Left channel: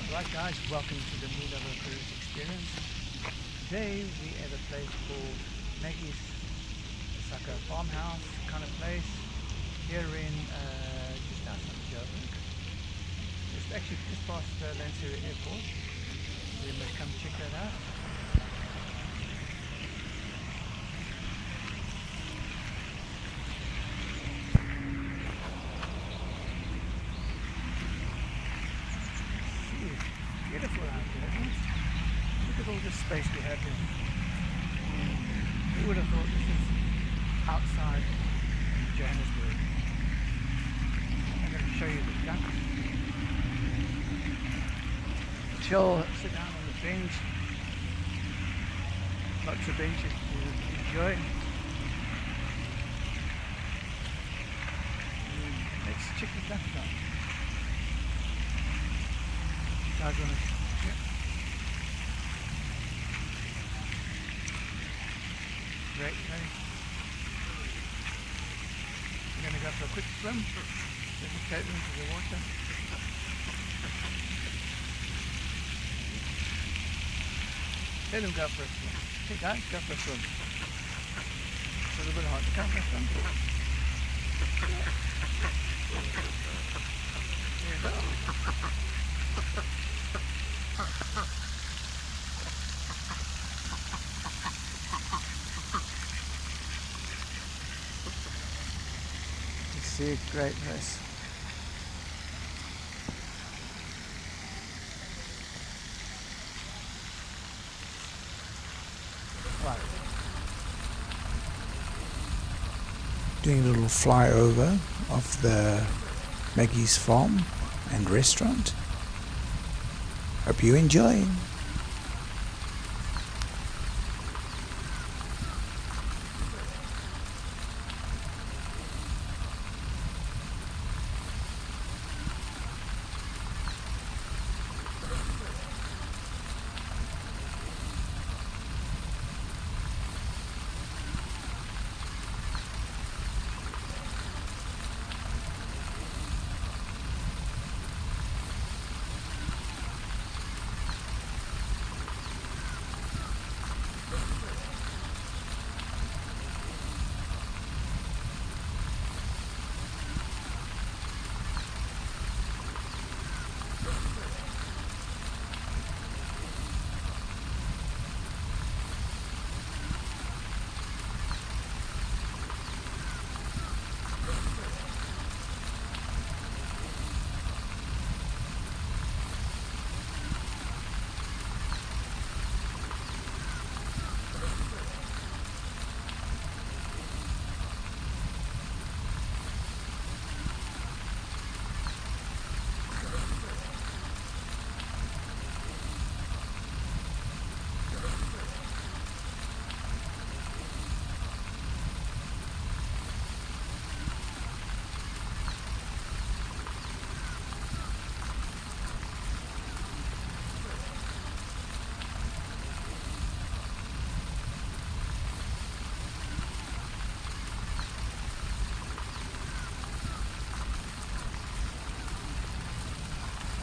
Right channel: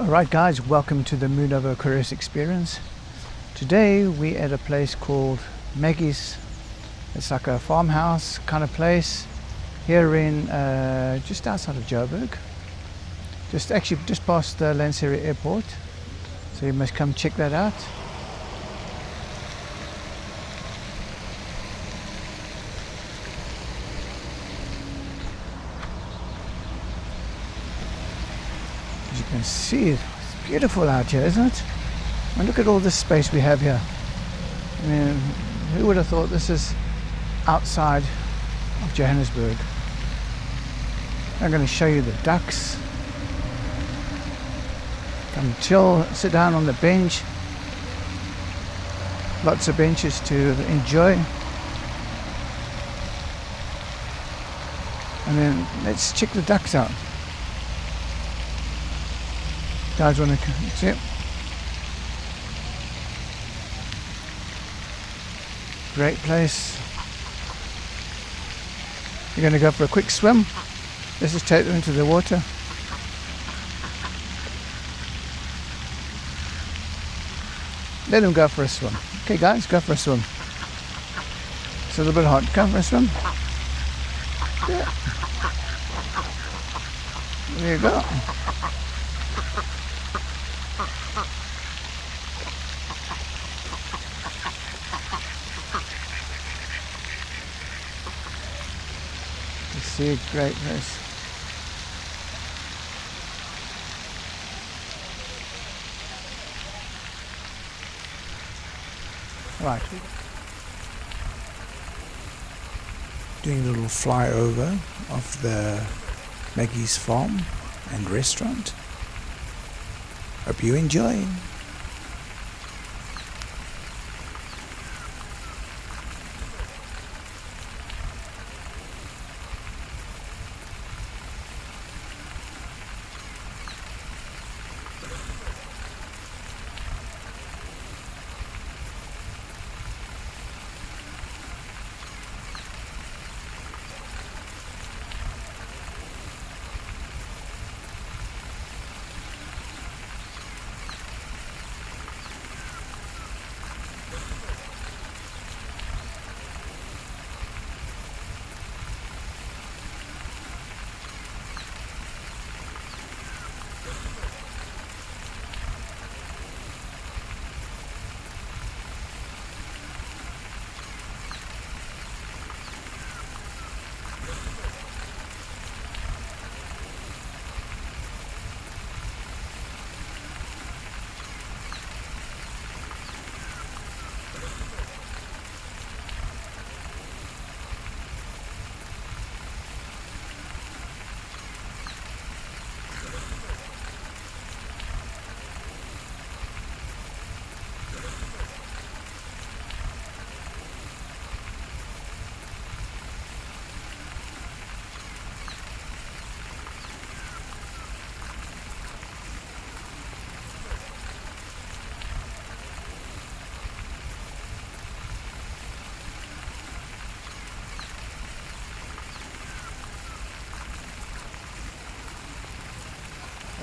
Alright guys, welcome to the Moonoveraquarius Experience. Today we're at a place called Maggie's. It's like a farmhouse kind of place here in just outside of Joburg. Just past the Lanseria airport. So you must come check that out. As you can see, it's beautiful out here, isn't it? And look at all this space we have here. I mean, who would have thought this is outside of Johannesburg? I'm going to show you the ducks. Come chill, sit down on the bench. Lots of benches to enjoy. And then let's check the ducks out. Guys want to see it? Great place. You're going to go for a quick swim. Let's just take them into the water. Let them go for a swim. Okay guys, go for a swim. It's a little bit hot. Go for a swim. Yeah. There you go. See, great place. Right. Doing a little flyover of the Maggie's farm and restaurant. Hope you enjoy.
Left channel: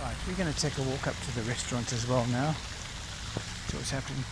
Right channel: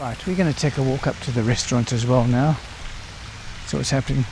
Right, we're going to take a walk up to the restaurant as well now. See what's happening.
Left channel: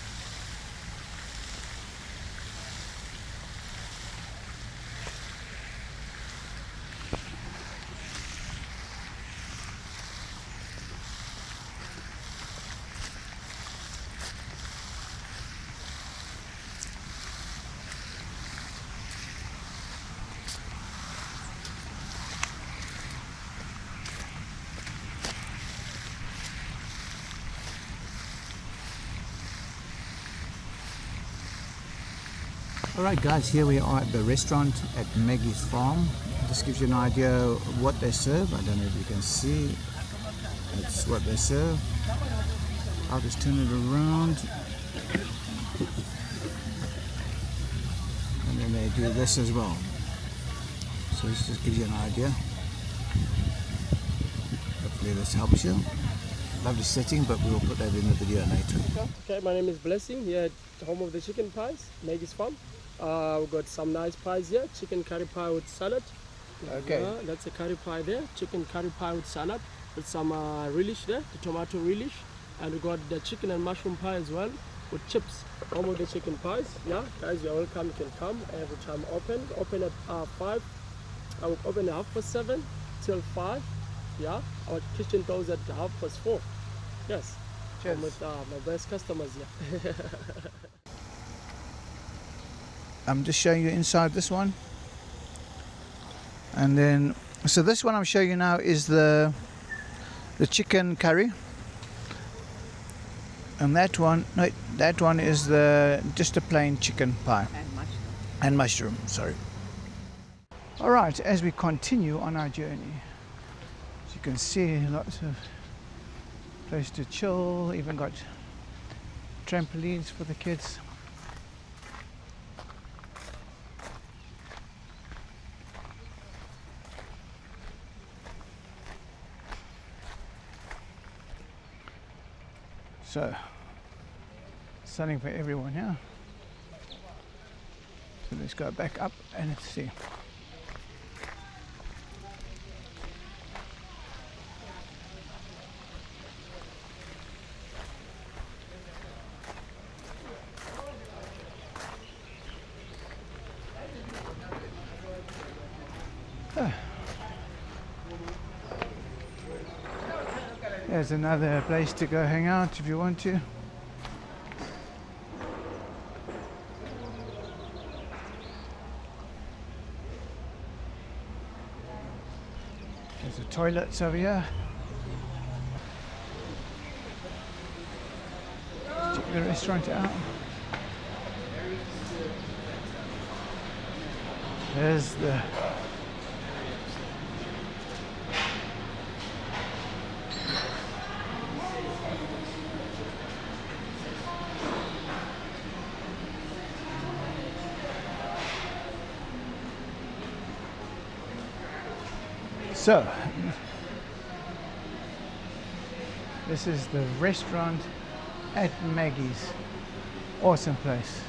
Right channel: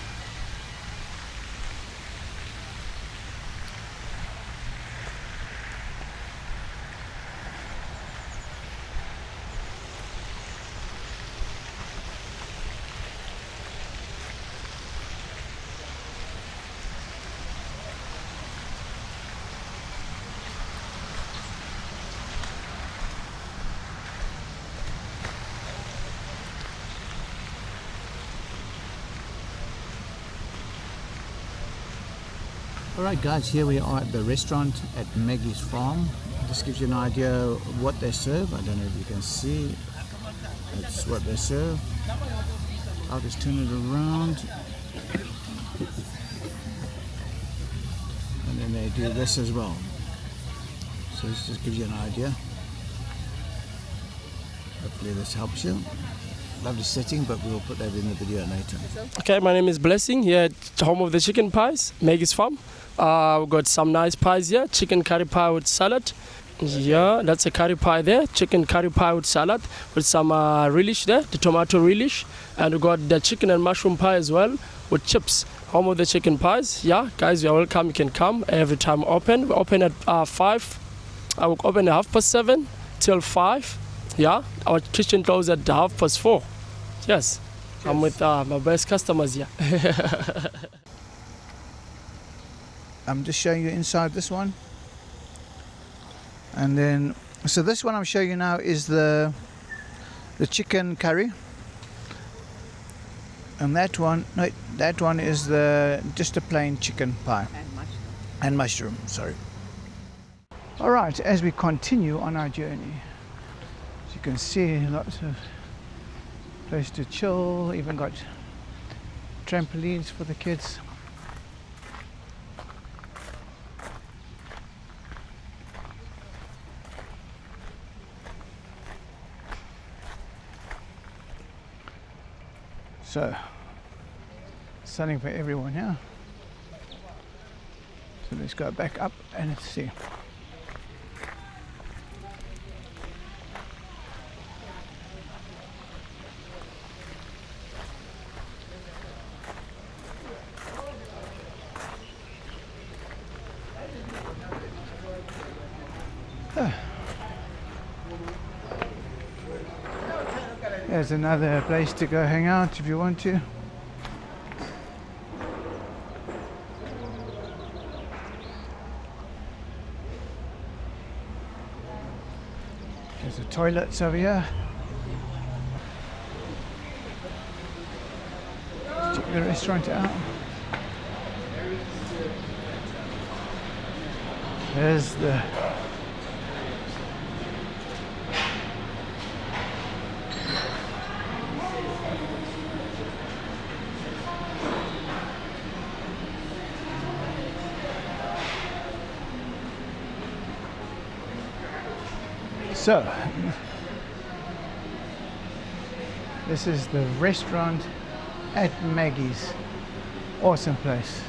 Alright guys, here we are at the restaurant at Maggie's farm. This gives you an idea of what they serve. I don't know if you can see. That's what they serve. I'll just turn it around. And then they do this as well. So this just gives you an idea. Hopefully this helps you. Lovely setting, but we'll put that in the video later. Okay, my name is Blessing, here at home of the chicken pies, Maggie's farm. We've got some nice pies here, chicken curry pie with salad, Yeah, that's a curry pie there. Chicken curry pie with salad, with some relish there, the tomato relish. And we got the chicken and mushroom pie as well, with chips. Home of the chicken pies. Yeah, guys, you are welcome. You can come every time open. We open at 5. I will open at 7:30 till 5. Yeah, our kitchen closes at 4:30. Yes, I'm with my best customers here. I'm just showing you inside this one. And then, so this one I'm showing you now is the chicken curry. And that one, no, that one is just a plain chicken pie. And mushroom, sorry. All right, as we continue on our journey, as you can see, lots of place to chill, even got trampolines for the kids. So, something for everyone here. So let's go back up and let's see. There's another place to go hang out if you want to. There's the toilets over here. Let's check the restaurant out. There's the So, this is the restaurant at Maggie's. Awesome place.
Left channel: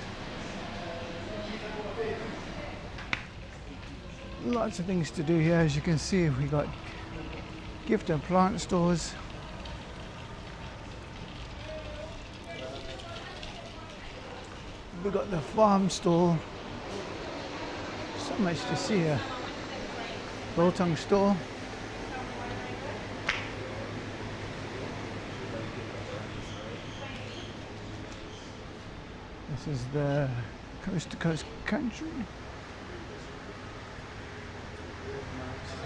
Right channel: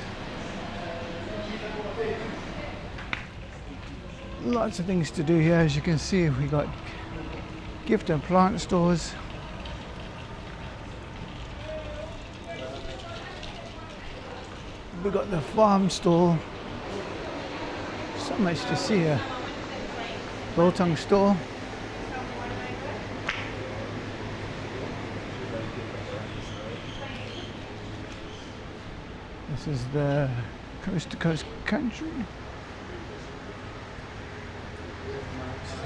Lots of things to do here, as you can see. We got gift and plant stores. We got the farm stall. So much to see here. Biltong store. This is the coast to coast country.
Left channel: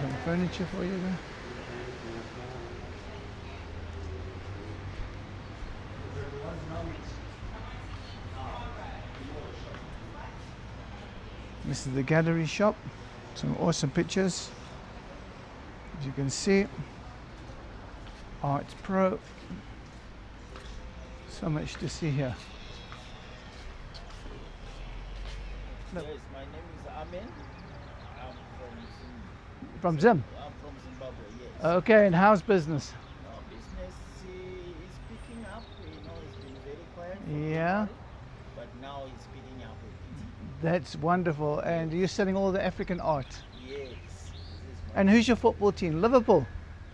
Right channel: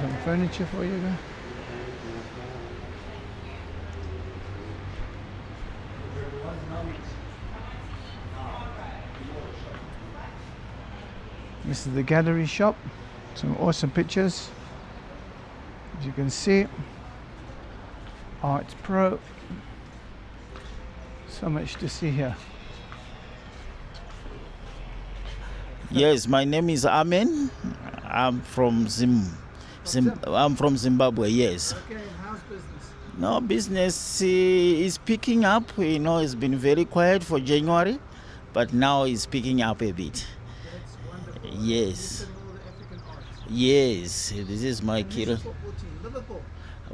Some furniture for you there. This is the gallery shop. Some awesome pictures. As you can see, Art Pro. So much to see here. Yes, my name is Amen. I'm from I'm from Zimbabwe, yes. Okay, and how's business? No, business is picking up. You know, it's been very quiet for January, but now it's picking up a bit. That's wonderful. Yes. And you're selling all the African art. Yes, this is my And who's your football team? Liverpool?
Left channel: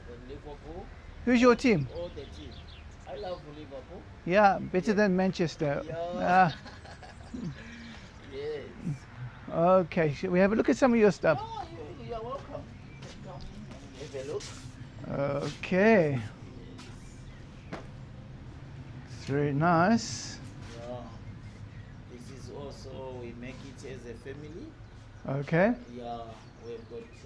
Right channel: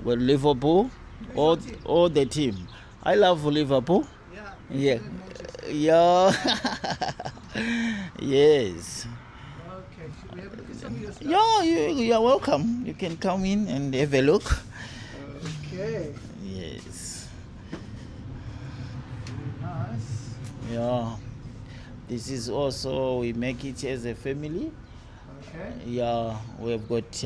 Well, Liverpool. Who's your team? All the team. I love Liverpool. Yeah, better than Manchester. Yeah. Yes. Okay, should we have a look at some of your stuff? Yeah, you're welcome. You can come in and have a look. Okay. Yes. It's very nice. Yeah. This is also, we make it as a family. Okay. Yeah, we've got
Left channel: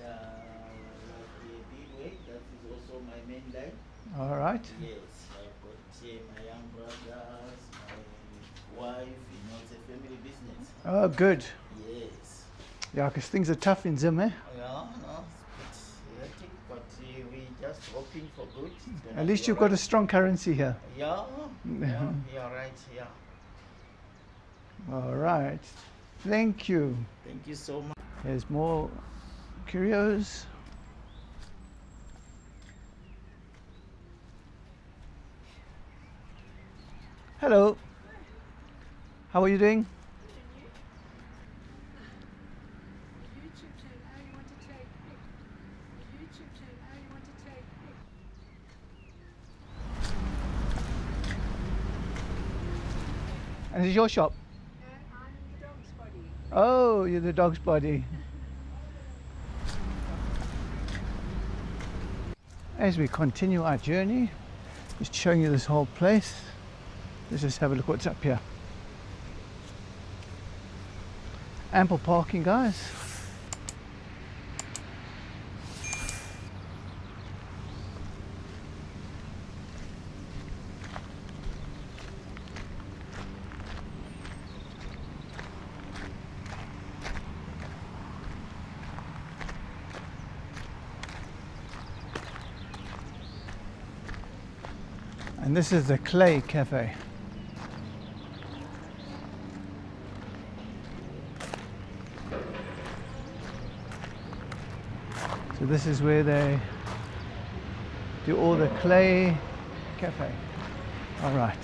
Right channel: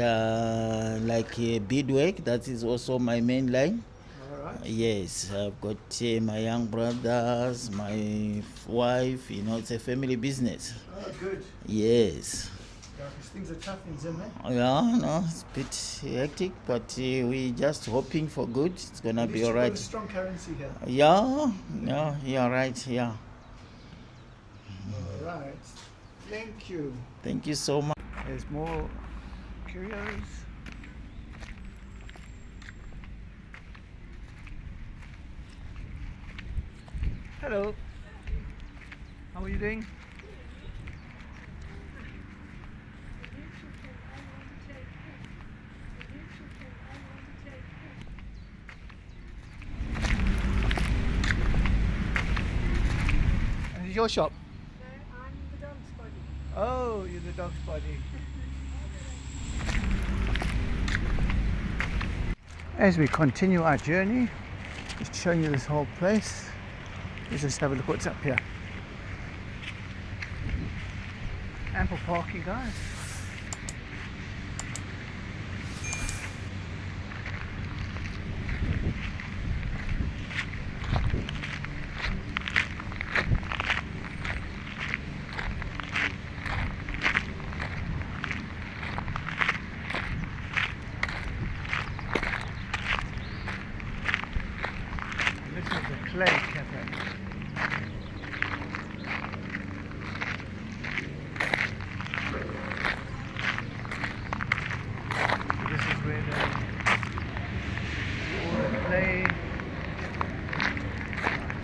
like a beadwork. That is also my main line. All right. Yes, I've got my young brothers, my wife. You know, it's a family business. Oh, good. Yes. Yeah, because things are tough in Zim, eh? Yeah, no, it's a bit hectic, but we're just hoping for good. It's gonna be all right. At least you've got a strong currency here. Yeah, yeah, you're right. Yeah. All right. Thank you. Thank you so much. There's more curios. Hello. How are you doing? And it's your shop? Oh, you're the dog's body. As we continue our journey, just showing you this whole place. Let's just have a look what's up here. Ample parking, guys. And this is the Clay Cafe. So this is where they do all the clay cafe. All right.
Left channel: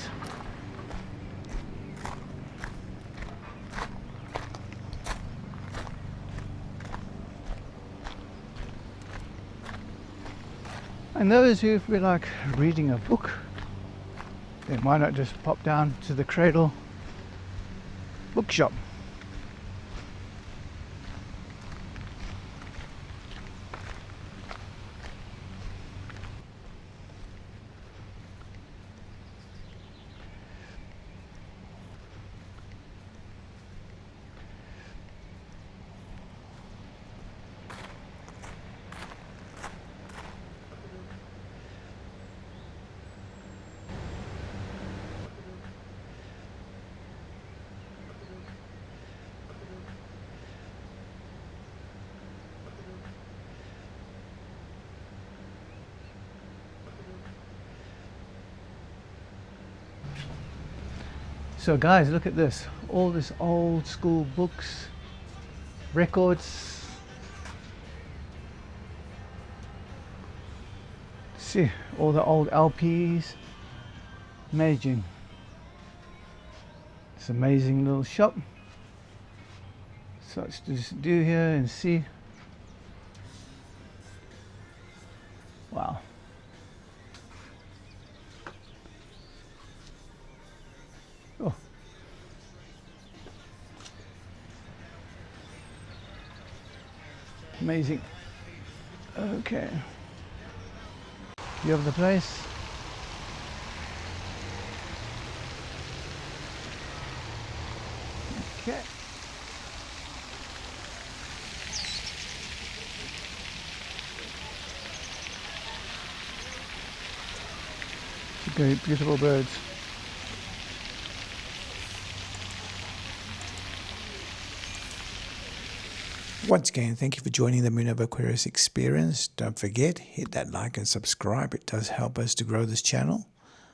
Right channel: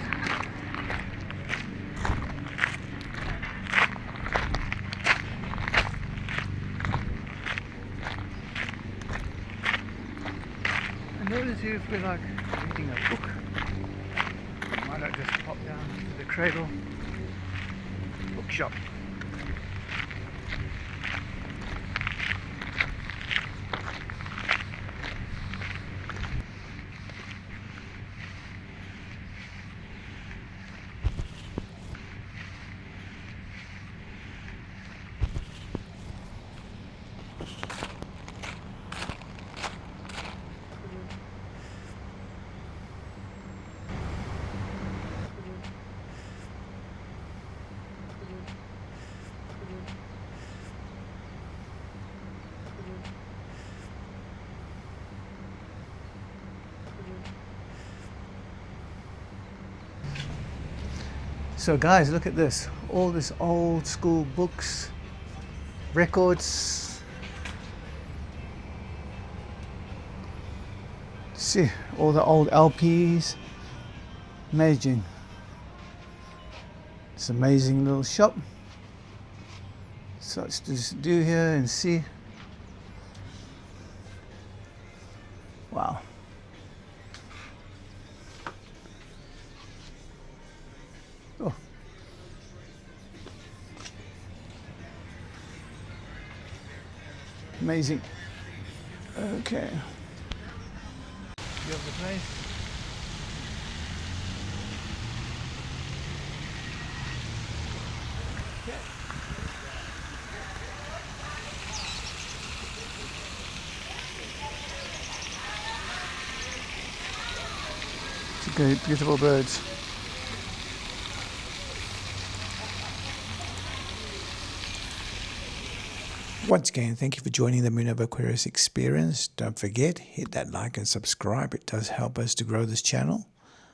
And those who feel like reading a book, but why not just pop down to the Cradle bookshop. So guys, look at this. All this old school books, records. See, all the old LPs. Amazing. It's an amazing little shop. So let's just do here and see. Wow. Oh. Amazing. Okay. You have the place. Okay. It's great, beautiful birds. Once again, thank you for joining the Moonoveraquarius Experience. Don't forget, hit that like and subscribe. It does help us to grow this channel.